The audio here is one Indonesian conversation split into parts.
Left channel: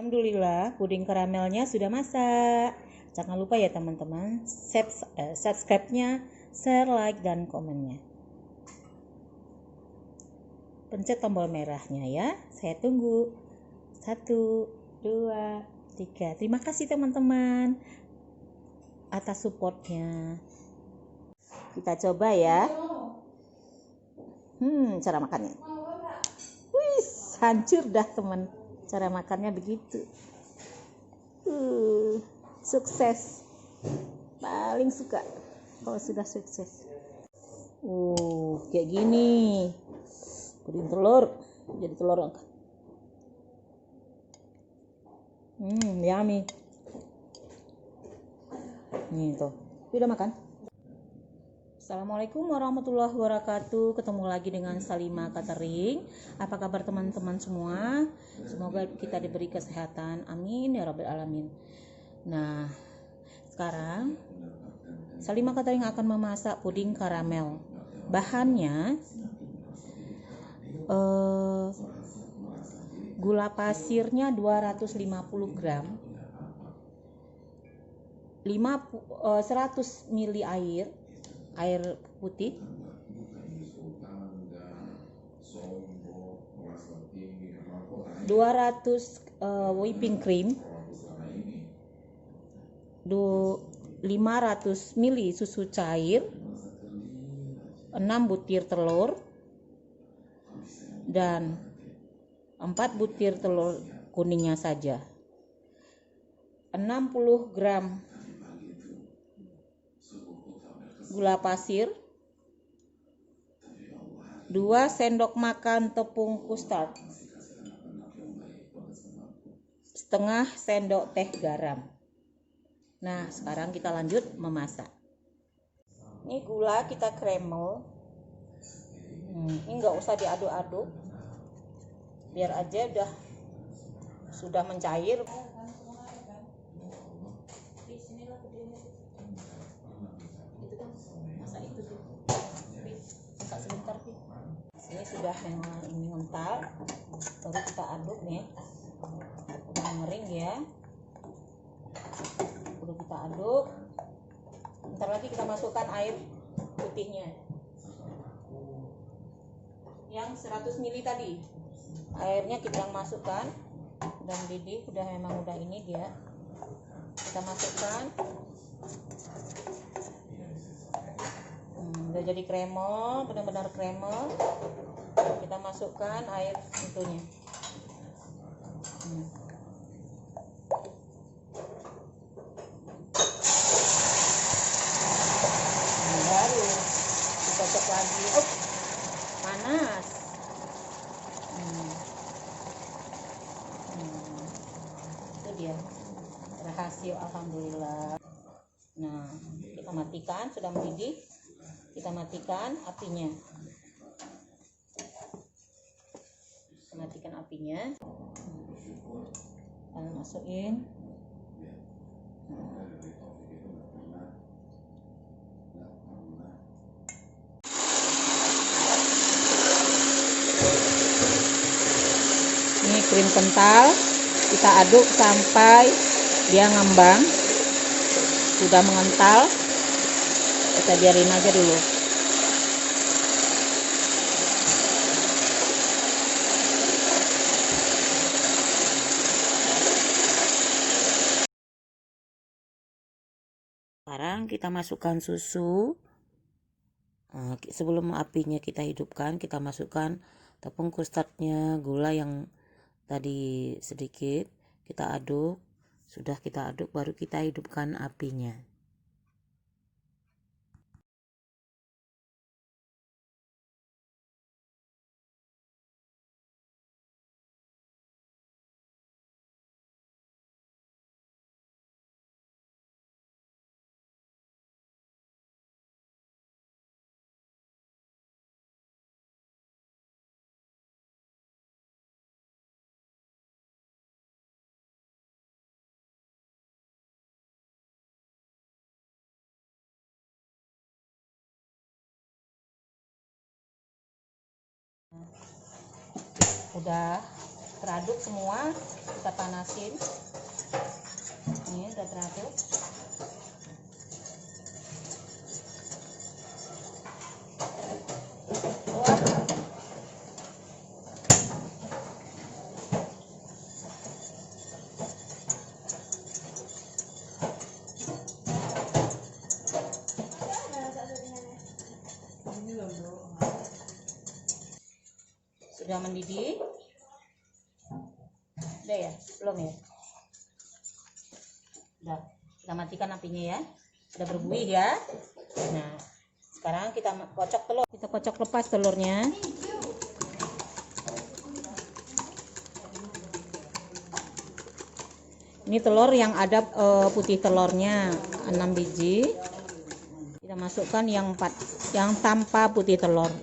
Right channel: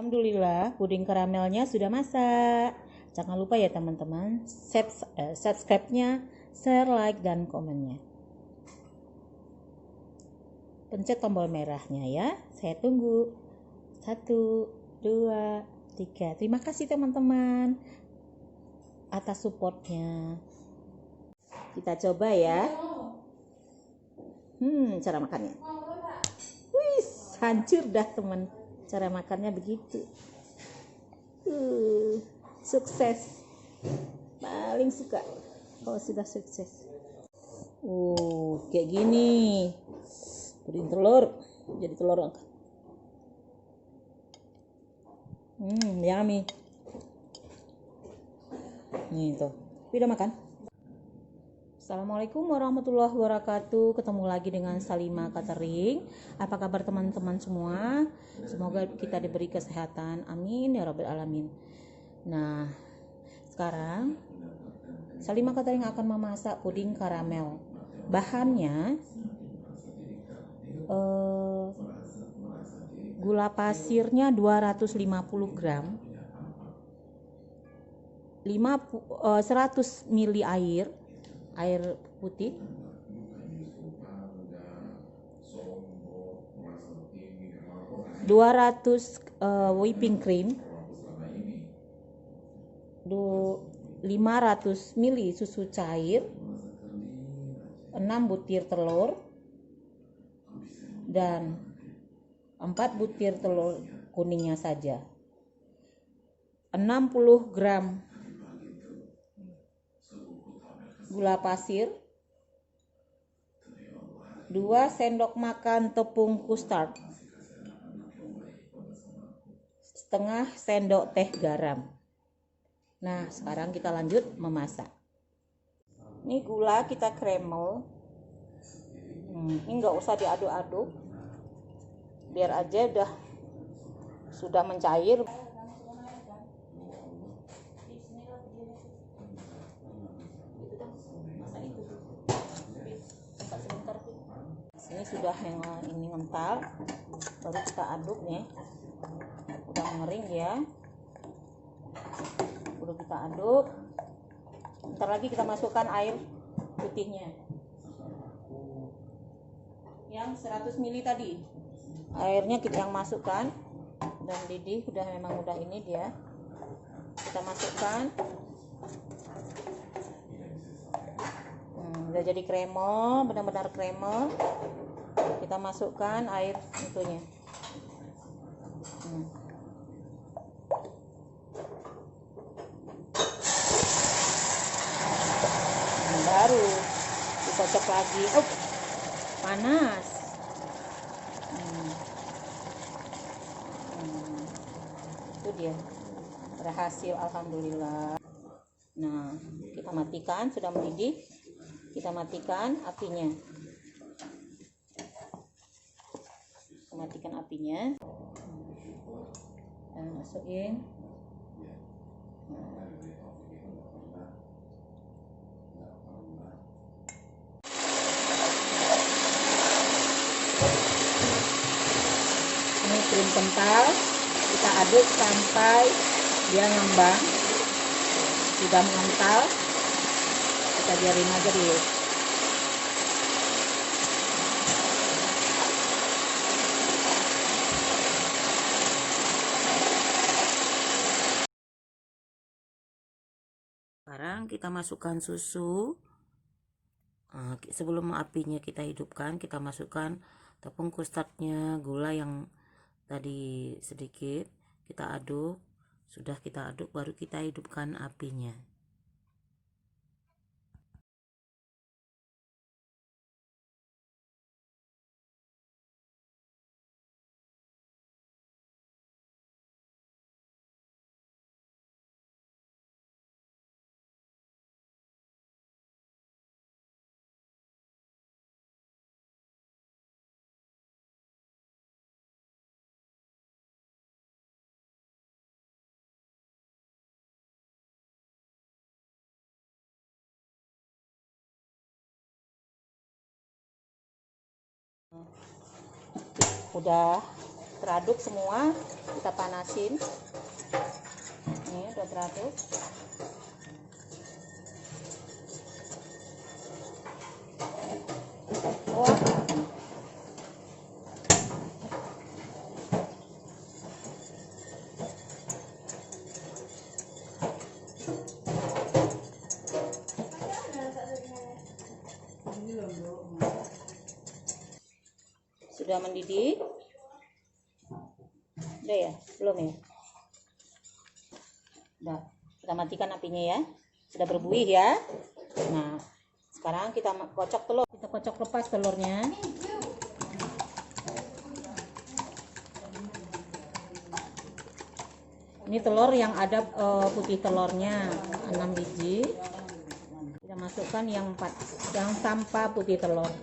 Alhamdulillah, puding karamelnya sudah masak. Jangan lupa ya teman-teman, subscribe-nya, share, like, dan komennya. Pencet tombol merahnya ya. Saya tunggu. 1, 2, 3. Terima kasih teman-teman atas supportnya. Kita coba ya. Cara makannya. Wih, hancur dah teman. Cara makannya begitu. Sukses. Paling suka kalau sudah sukses. Kayak gini. Puding telur. Jadi telur angkat. Yummy. Nih tuh. Udah makan? Assalamualaikum warahmatullahi wabarakatuh. Ketemu lagi dengan Salima Catering. Apa kabar teman-teman semua? Semoga kita diberi kesehatan. Amin ya rabbal alamin. Nah, sekarang Salima Catering akan memasak puding karamel. Bahannya gula pasirnya 250 gram, 100 ml air putih, 200 whipping cream, 500 ml susu cair, 6 butir telur, dan 4 butir telur kuningnya saja, 60 gram gula pasir, 2 sendok makan tepung custard, setengah sendok teh garam. Nah, sekarang kita lanjut memasak. Ini gula kita kremel. Ini nggak usah diaduk-aduk, biar aja sudah mencair. Ini sudah ini mental, baru kita aduk nih. Udah mengering ya, udah kita aduk. Bentar lagi kita masukkan air putihnya yang 100 ml tadi. Airnya kita yang masukkan, udah mendidih, udah ini dia. Kita masukkan. Udah jadi kremel, benar-benar kremel. Kita masukkan air itunya. Baru kita cek lagi. Panas. Itu dia, berhasil, alhamdulillah. Nah, kita matikan, sudah mendidih. Kita matikan apinya. Matikan apinya. Dan masukin. Ini krim kental. Kita aduk sampai dia ngembang. Sudah mengental. Kita biarin aja dulu. Sekarang kita masukkan susu. Sebelum apinya kita hidupkan, kita masukkan tepung custardnya, gula yang tadi sedikit, kita aduk. Sudah kita aduk, baru kita hidupkan apinya. Udah teraduk semua, kita panasin. Ini udah teraduk. Wah. Sudah mendidih. Udah ya? Belum ya? Udah. Kita matikan apinya ya. Sudah berbuih ya. Nah, sekarang kita kocok telur. Kita kocok lepas telurnya. Ini telur yang ada putih telurnya 6 biji. Kita masukkan yang tanpa putih telur.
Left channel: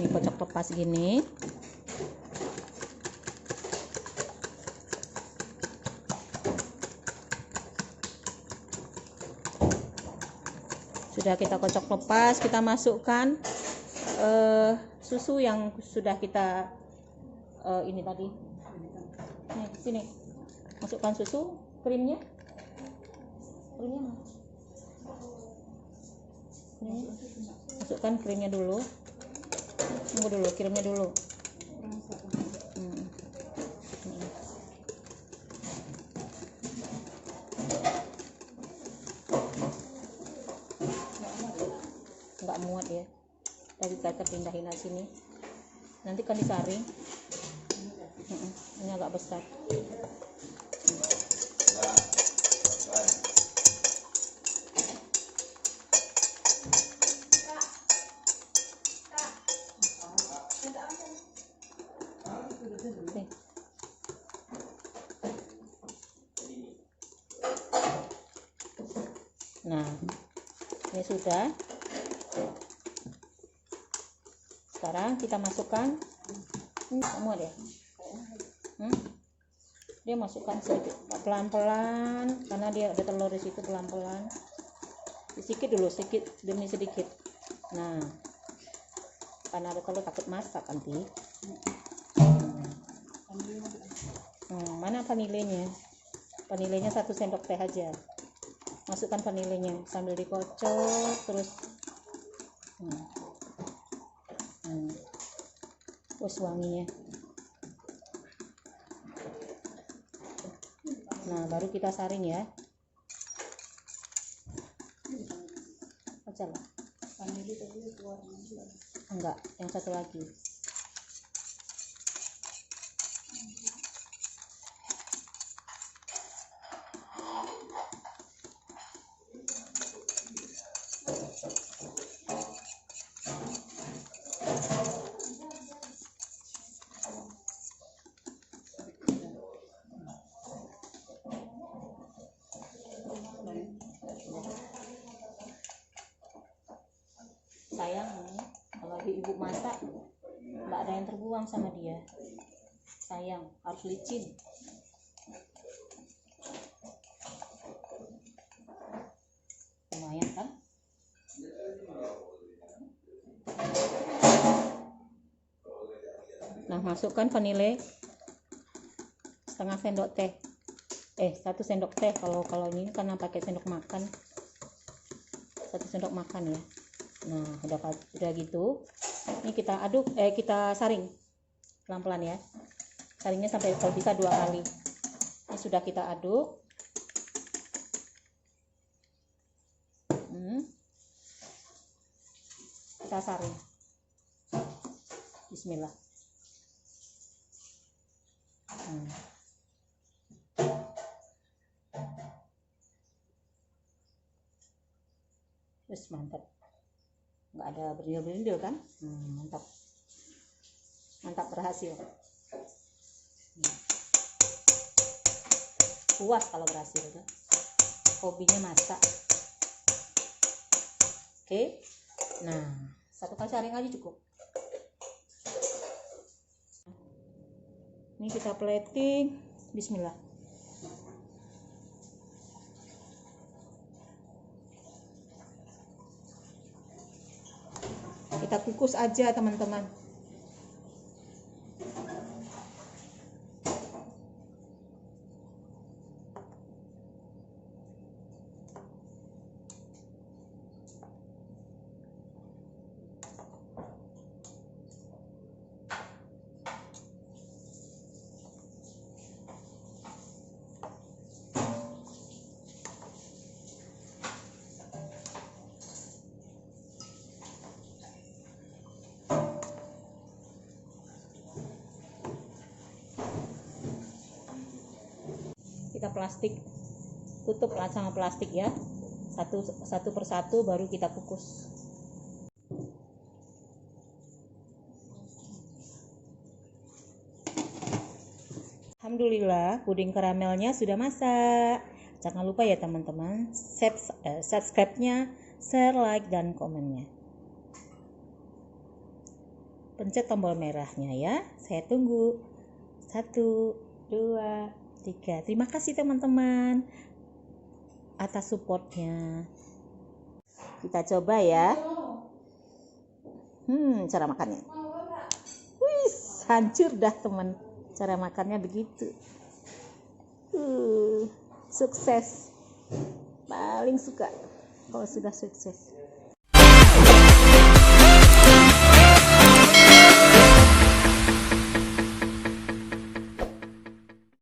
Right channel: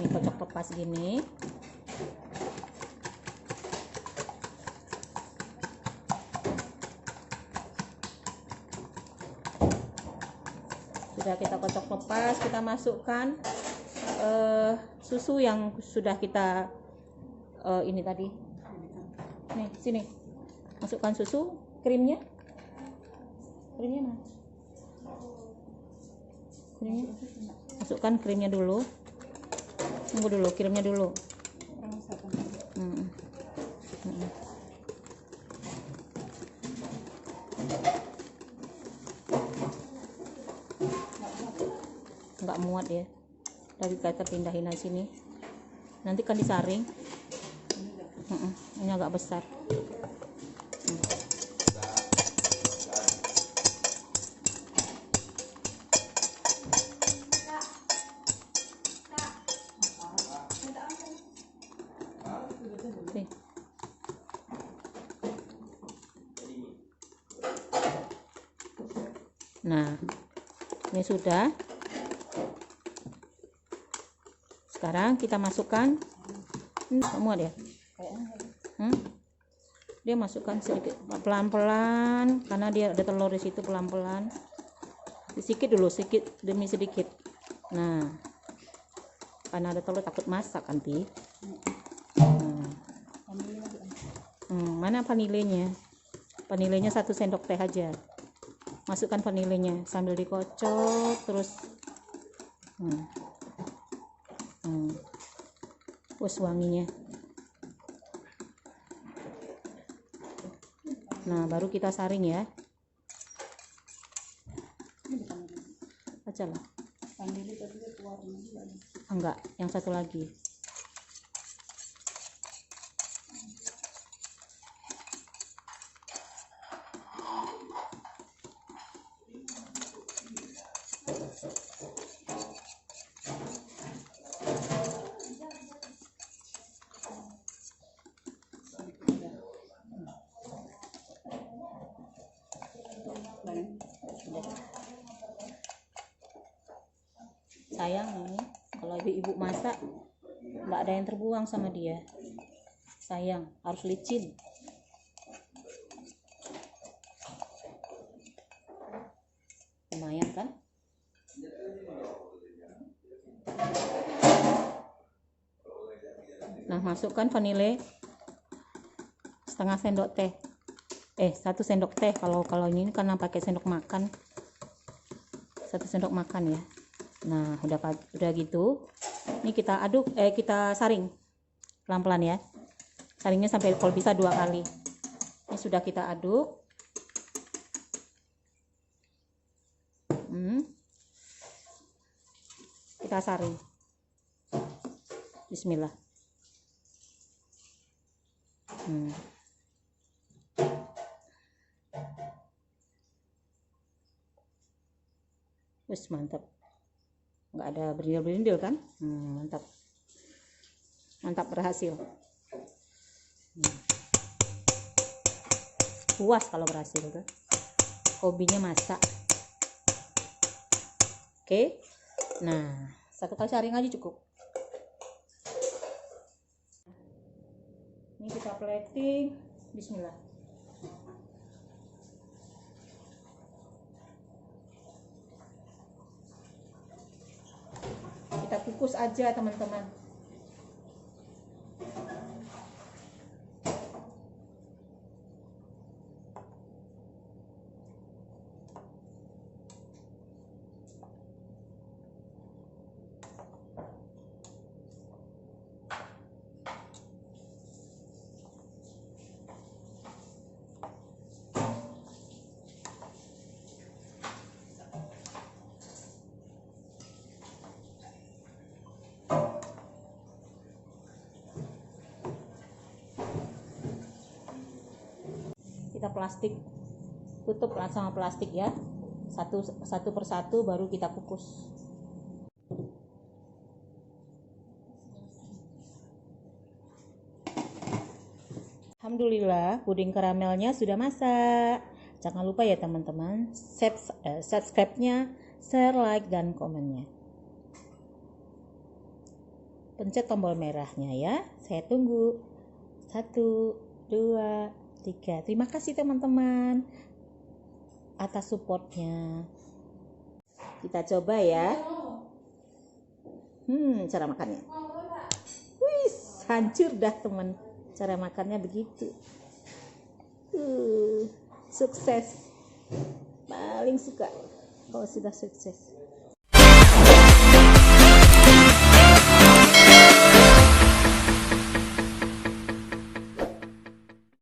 Ini kocok lepas gini. Sudah kita kocok lepas, kita masukkan susu yang sudah kita ini tadi. Nih, sini. Masukkan susu, krimnya. Krimnya mana? Krimnya. Masukkan krimnya dulu. Tunggu dulu, krimnya dulu. Nggak muat ya. Tadi kita pindahin aja sini. Nanti kan disaring. Ini agak besar. Nah, ini sudah. Sekarang kita masukkan semua dia. Dia masukkan sedikit, pelan-pelan, karena dia ada telur di situ, pelan-pelan. Sedikit dulu, sedikit demi sedikit. Nah, karena ada telur takut masak nanti. Mana vanilenya? Vanilenya 1 sendok teh aja. Masukkan vanilenya sambil dikocok terus. Wes wanginya. Nah, baru kita saring ya. Aja lah. Enggak, yang satu lagi. Sayang ini kalau ibu masak nggak ada yang terbuang sama dia. Sayang, harus licin. Lumayan kan? Nah, masukkan vanile setengah sendok teh. 1 sendok teh kalau ini karena pakai sendok makan. 1 sendok makan ya. Nah, udah gitu. Ini kita aduk, kita saring pelan-pelan ya. Saringnya sampai kalau bisa 2 kali. Ini sudah kita aduk. Kita saring. Bismillah. Wes mantap. Nggak ada berindil-berindil kan? Mantap. Mantap, berhasil. Puas kalau berhasil tuh. Hobinya masak. Oke. Nah, 1 kali saring aja cukup. Ini kita plating. Bismillah. kita kukus aja teman-teman. Kita plastik, tutup sama plastik ya, satu persatu baru kita kukus. Alhamdulillah puding karamelnya sudah masak. Jangan lupa ya teman-teman, subscribe-nya, share, like, dan komennya. Pencet tombol merahnya ya, saya tunggu. 1, 2, 3. Terima kasih teman-teman atas supportnya. Kita coba ya. Cara makannya. Wih, hancur dah teman. Cara makannya begitu. Sukses. Paling suka kalau sudah sukses.